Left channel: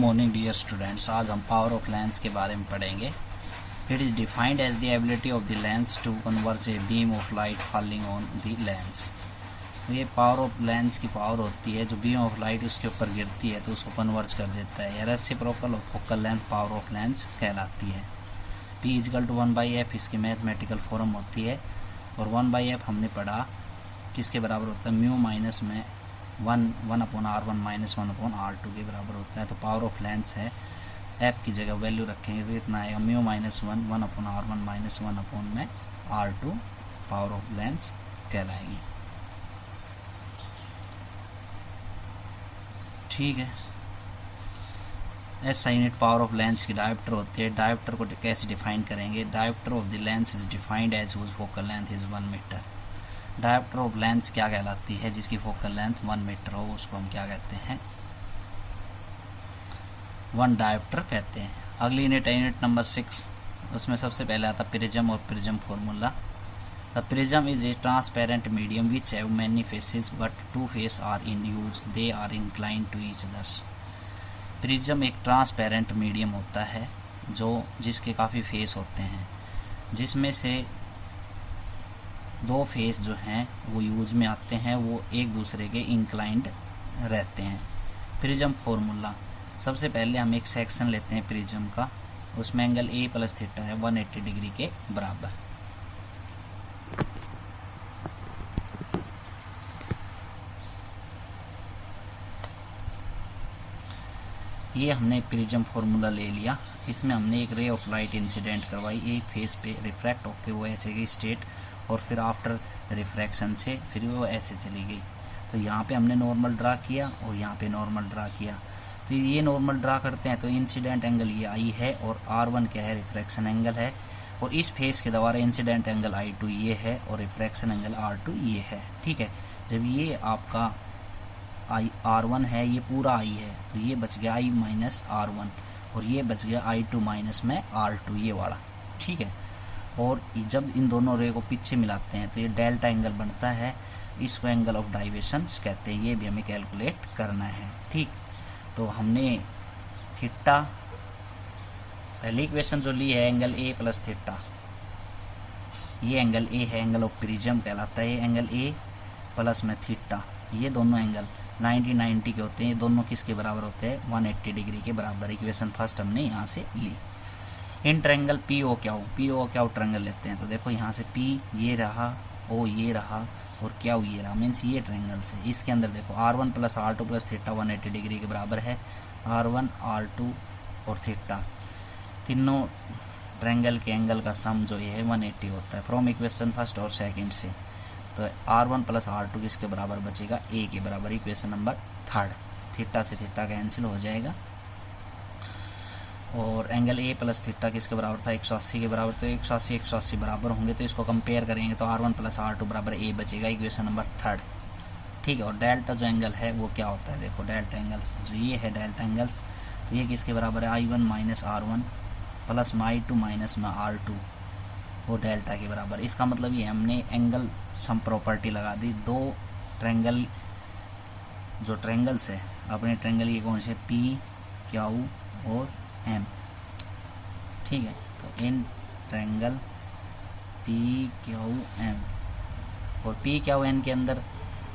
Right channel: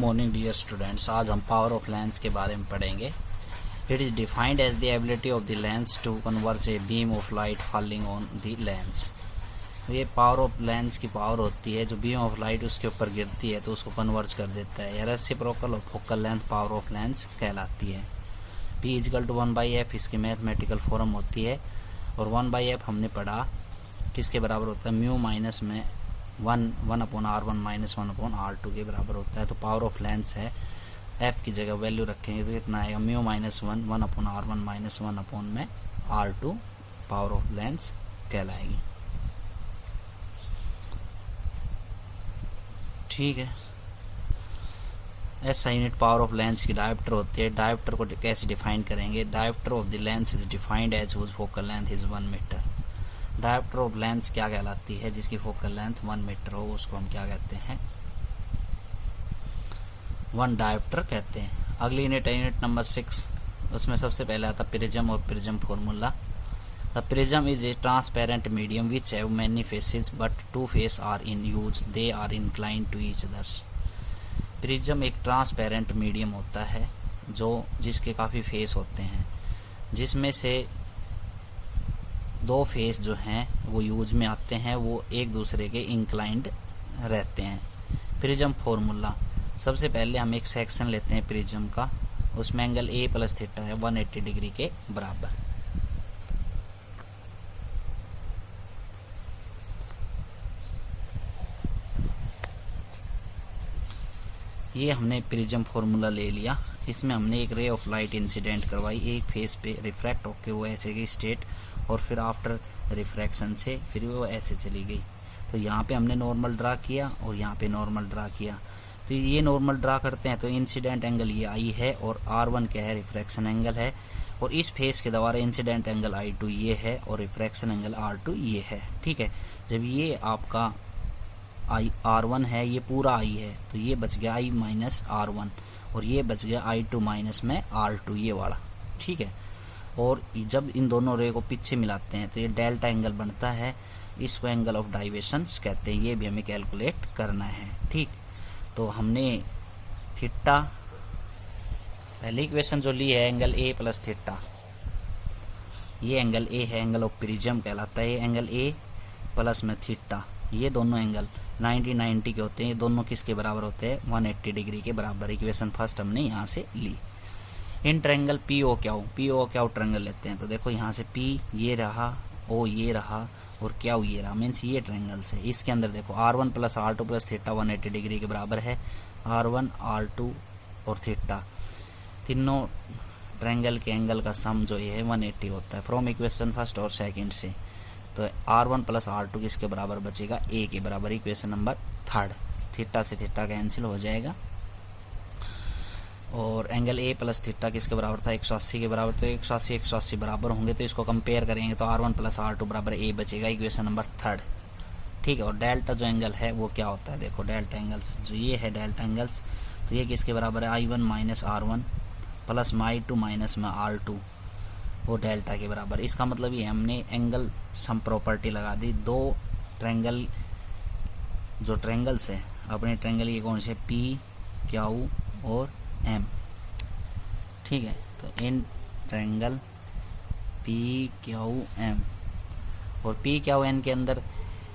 Morning dear students. आज हम power of lens के बारे में पढ़ेंगे। It is defined as the ability of the lens to converge a beam of light falling on the lens. ये power of lens की power होती है, जो बीम ऑफ लाइट उसके ऊपर गिरती है तो उसको कन्वर्ज कर देता है। रेसिप्रोकल और focal length power of lens कहलाती है। P इजकल टू 1/f इसकी मैथमेटिकल फॉर्म होती है, और 1/f हमने पढ़ा किसके बराबर होता है, म्यू माइनस में 1/r1 माइनस 1/r2 के बराबर होता है। तो पावर ऑफ लेंस है, f की जगह वैल्यू रखेंगे तो कितना आएगा, mu minus 1/r1 minus 1/r2 power of lens कहलाएगी। ठीक है। SI unit power of lens की डायोप्टर होती है। डायोप्टर को कैसे डिफाइन करेंगे, dioptre of the lens is defined as whose focal length is 1 metre. Dioptre of lens क्या कहलाती है, जिसकी फोकल लेंथ 1 मीटर हो उसको हम क्या कहते हैं, 1 डायोप्टर कहते हैं। अगली यूनिट है यूनिट नंबर 6। उसमें सबसे पहले आता प्रिज्म और prism formula. The prism is a transparent medium which have many faces but 2 face are in use, they are inclined to each others. Prism एक ट्रांसपेरेंट मीडियम होता है जिसके काफ़ी फेस होते हैं, जिसमें से 2 फेस जो हैं वो यूज में आते हैं, वो एक दूसरे के इंक्लाइंड रहते हैं। प्रिज्म फॉर्मूला, सबसे पहले हम एक सेक्शन लेते हैं प्रिज्म का, उसमें एंगल A प्लस थीटा है 180 डिग्री के बराबर। ये हमने प्रिज्म फॉर्मूला ले लिया। इसमें हमने एक रे ऑफ लाइट इंसिडेंट करवाई, एक फेस पे रिफ्रैक्ट होके वो ऐसे गई स्ट्रेट, और फिर आफ्टर रिफ्रैक्शन से फिर वो ऐसे चली गई। तो यहाँ पे हमने नॉर्मल ड्रा किया और यहाँ पे नॉर्मल ड्रा किया। तो ये नॉर्मल ड्रा करते हैं तो इंसिडेंट एंगल ये I है, और R1 क्या है, रिफ्रैक्शन एंगल है, और इस फेस के द्वारा इंसिडेंट एंगल I2 ये है, और रिफ्रैक्शन एंगल R2 ये है। ठीक है। जब ये आपका R1 है, ये पूरा I है, तो ये बच गया I माइनस R1, और ये बच गया I2 माइनस में R2 ये वाला। ठीक है। और जब इन दोनों रे को पीछे मिलाते हैं तो ये डेल्टा एंगल बनता है, इसको एंगल ऑफ डाइवेशन कहते हैं। ये भी हमें कैलकुलेट करना है। ठीक। तो हमने थीटा पहली इक्वेशन जो ली है, एंगल A प्लस थीटा, ये एंगल A है, एंगल ऑफ प्रिज्म कहलाता है। एंगल A प्लस में थीटा, ये दोनों एंगल 90 के होते हैं। ये दोनों किसके बराबर होते हैं, 180 डिग्री के बराबर। इक्वेशन फर्स्ट हमने यहाँ से ली। इन ट्रायंगल PO क्या हो ट्रायंगल लेते हैं, तो देखो यहाँ से P ये रहा, O ये रहा, और क्या ये रहा, मीन्स ये ट्रायंगल से। इसके अंदर देखो R1 plus R2 plus theta 180 degree के बराबर है। R1 R2 और थीटा तीनों ट्रायंगल के एंगल का सम जो ये है 180 होता है। फ्रॉम इक्वेशन फर्स्ट और सेकंड से तो R1 प्लस R2 किसके बराबर बचेगा, A के बराबर। इक्वेशन नंबर 3, थीटा से थीटा कैंसिल हो जाएगा, और एंगल A प्लस थीटा किसके बराबर था, 180 के बराबर। तो 180 बराबर होंगे, तो इसको कंपेयर करेंगे तो R1 प्लस R2 बराबर A बचेगा। Equation number 3। ठीक है। और डेल्टा जो एंगल है वो क्या होता है, देखो डेल्टा एंगल्स जो ये है डेल्टा एंगल्स, तो ये किसके बराबर है, I1 माइनस R1 प्लस में I2 माइनस में R2, वो डेल्टा के बराबर। इसका मतलब ये हमने एंगल सम प्रॉपर्टी लगा दी। 2 ट्रायंगल जो ट्रायंगल्स है अपने ट्रायंगल ये कौन से, P Q और M। ठीक है। तो in triangle P Q M और P Q N के अंदर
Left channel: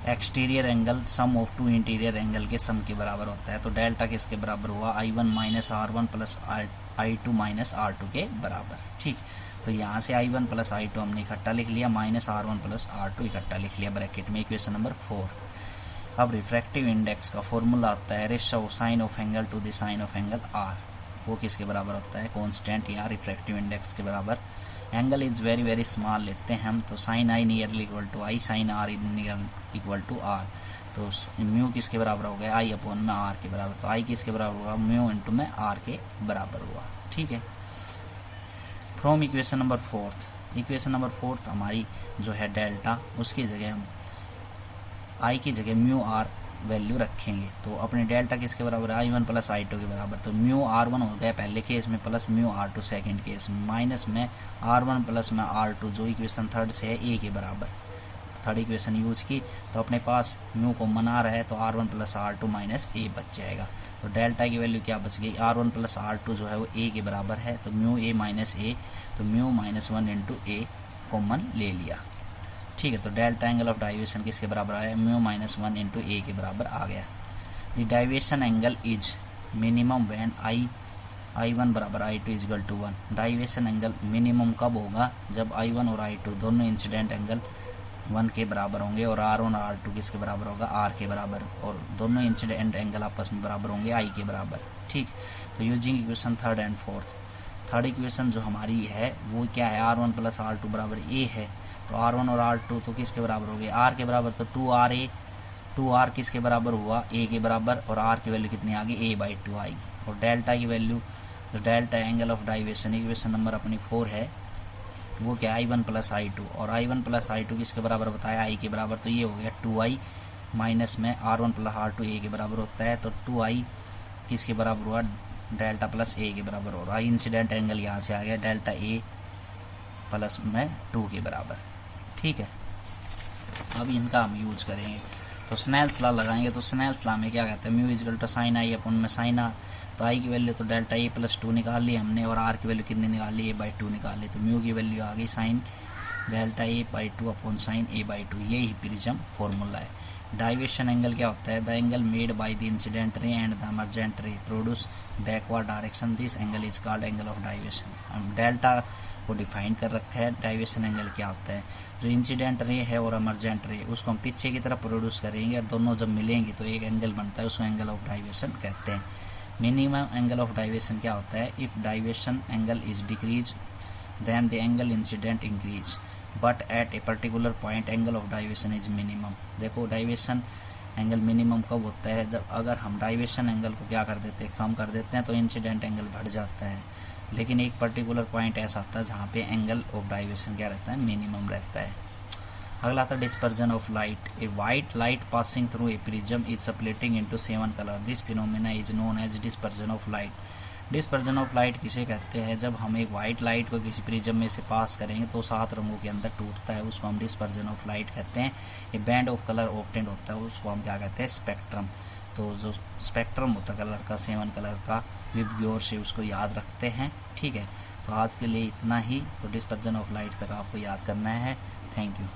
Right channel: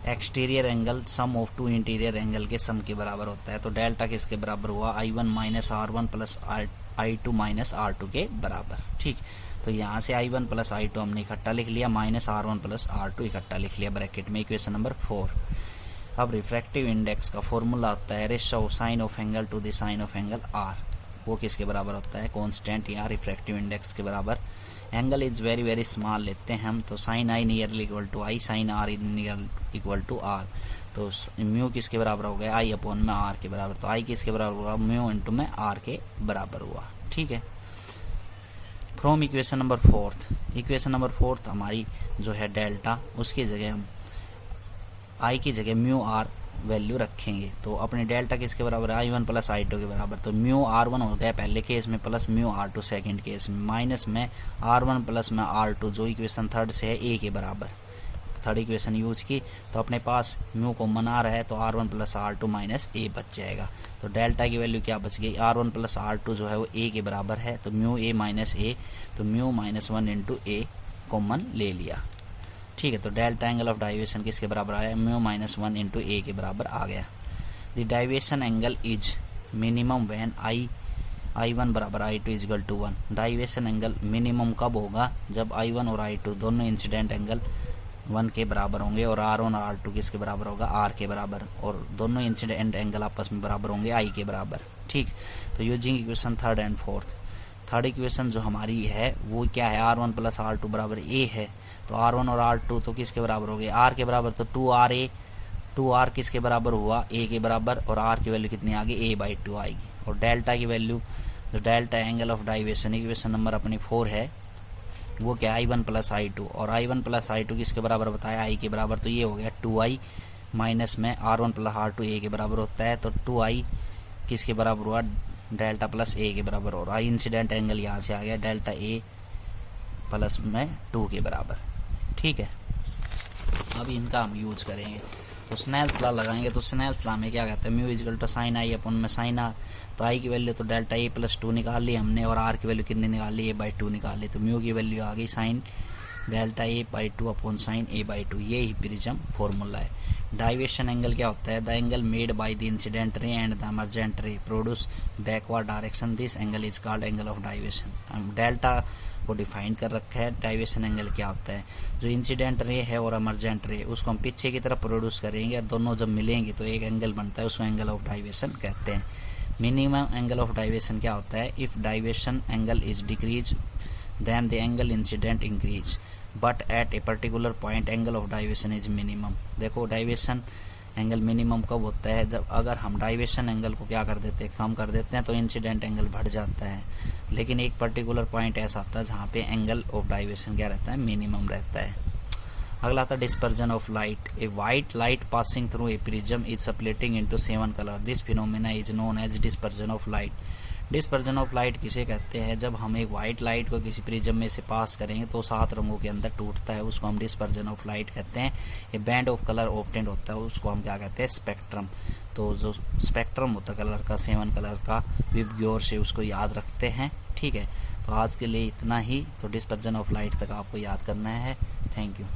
exterior angle sum of 2 interior angle के सम के बराबर होता है। तो डेल्टा किसके बराबर हुआ, I1 minus R1 plus I2 minus R2 के बराबर। ठीक। तो यहाँ से I1 प्लस I2 हमने इकट्ठा लिख लिया, माइनस R1 प्लस R2 इकट्ठा लिख लिया ब्रैकेट में। Equation number 4। अब रिफ्रैक्टिव इंडेक्स का फॉर्मूला आता है ratio of sine of angle to the sine of angle R। वो किसके बराबर होता है, कांस्टेंट या रिफ्रैक्टिव इंडेक्स के बराबर। Angle is very very small लेते हैं हम, तो sine I nearly equal to I, sine R near equal to R। तो म्यू किसके बराबर हो गया, I अपॉन में R के बराबर। तो I किसके बराबर हुआ, म्यू इंटू में R के बराबर हुआ। ठीक है। From equation number 4, equation number 4 हमारी जो है डेल्टा, उसकी जगह हम I की जगह म्यू R वैल्यू रखेंगे। तो अपने डेल्टा किसके बराबर है, I1 प्लस I2 के बराबर। तो म्यू R1 हो गया पहले केस में, plus mu R2 second case में, माइनस में R1 प्लस में R2 जो इक्वेशन 3 से है A के बराबर। थर्ड इक्वेशन यूज की तो अपने पास म्यू कॉमन आ रहा है तो R1 प्लस R2 माइनस ए बच जाएगा। तो डेल्टा की वैल्यू क्या बच गई, R1 प्लस R2 जो है वो ए के बराबर है, तो म्यू ए माइनस ए, तो म्यू माइनस 1 इंटू ए कॉमन ले लिया। ठीक है, तो डेल्टा एंगल ऑफ डाइवेशन किसके बराबर आया, म्यू माइनस 1 इंटू ए के बराबर आ गया। The deviation angle is minimum when I1 बराबर I2 इजगल टू 1। डाइवेशन एंगल मिनिमम कब होगा, जब I1 और I2 दोनों इंसिडेंट एंगल 1 के बराबर होंगे और R1 और R2 किसके बराबर होगा, R के बराबर, और दोनों इंसिडेंट एंगल आपस में बराबर होंगे I के बराबर। ठीक, तो using equation third and fourth, third equation जो हमारी है वो क्या है, R1 प्लस R2 बराबर A है, तो R1 और R2 तो किसके बराबर हो गए, R के बराबर, तो 2RA, 2R किसके बराबर हुआ, A के बराबर, और R की वैल्यू कितनी आ गई, A/2 आएगी। और डेल्टा की वैल्यू, जो delta angle of deviation equation number अपनी 4 है वो क्या, I1 प्लस I2, और I1 प्लस I2 किसके बराबर बताया, I के बराबर, तो ये हो गया 2I माइनस में R1 प्लस R2 A के बराबर होता है, तो 2I किसके बराबर हुआ, डेल्टा प्लस A के बराबर हो रहा है। इंसिडेंट एंगल यहाँ से आ गया डेल्टा A प्लस में 2 के बराबर। ठीक है, अब इनका हम यूज करेंगे, तो स्नेल्स लॉ लगाएंगे। तो स्नेल्स लॉ में क्या कहते हैं, म्यू इजकल टू साइन आई अपन में साइन आर, तो आई की वैल्यू तो डेल्टा ए प्लस 2 निकाल ली हमने, और आर की वैल्यू कितनी निकाल ली, A/2 निकाल ली, तो म्यू की वैल्यू आ गई sine delta A/2 upon sine A/2, ये ही प्रिज्म फॉर्मूला है। डाइवेशन एंगल क्या होता है, the angle made by the incident ray and the emergent रे produce backward direction, this angle is called angle of deviation. Delta को define कर रखा है। डाइवेशन एंगल क्या होता है, जो इंसिडेंट रे है और इमर्जेंट रे उसको हम पीछे की तरफ प्रोड्यूस करेंगे और दोनों जब मिलेंगे तो एक एंगल बनता है, उसको एंगल ऑफ डाइवेशन कहते हैं। मिनिमम एंगल ऑफ डाइवेशन क्या होता है, if deviation angle is decrease then the angle incident increase, but at a particular point angle of deviation is minimum. देखो डाइवेशन एंगल मिनिमम कब होता है, जब अगर हम डाइवेशन एंगल को क्या कर देते हैं, कम कर देते हैं तो इंसिडेंट एंगल बढ़ जाता है, लेकिन एक पर्टिकुलर पॉइंट ऐसा आता है जहाँ पे एंगल ऑफ डाइवेशन क्या रहता है, मिनिमम रहता है। अगला था dispersion of light. A white light passing through a prism is splitting into 7 colour, this phenomena is known as dispersion of light. Dispersion of light किसे कहते हैं, जब हम एक व्हाइट लाइट को किसी प्रिज्म में से पास करेंगे तो 7 रंगों के अंदर टूटता है, उसको हम डिस्पर्जन ऑफ लाइट कहते हैं। A band of colour obtained होता है, उसको हम क्या कहते हैं, स्पेक्ट्रम। तो जो स्पेक्ट्रम होता है कलर का, 7 कलर का, विब गौर से उसको याद रखते हैं। ठीक है, तो आज के लिए इतना ही। तो डिस्पर्जन ऑफ लाइट तक आपको याद करना है। Thank you.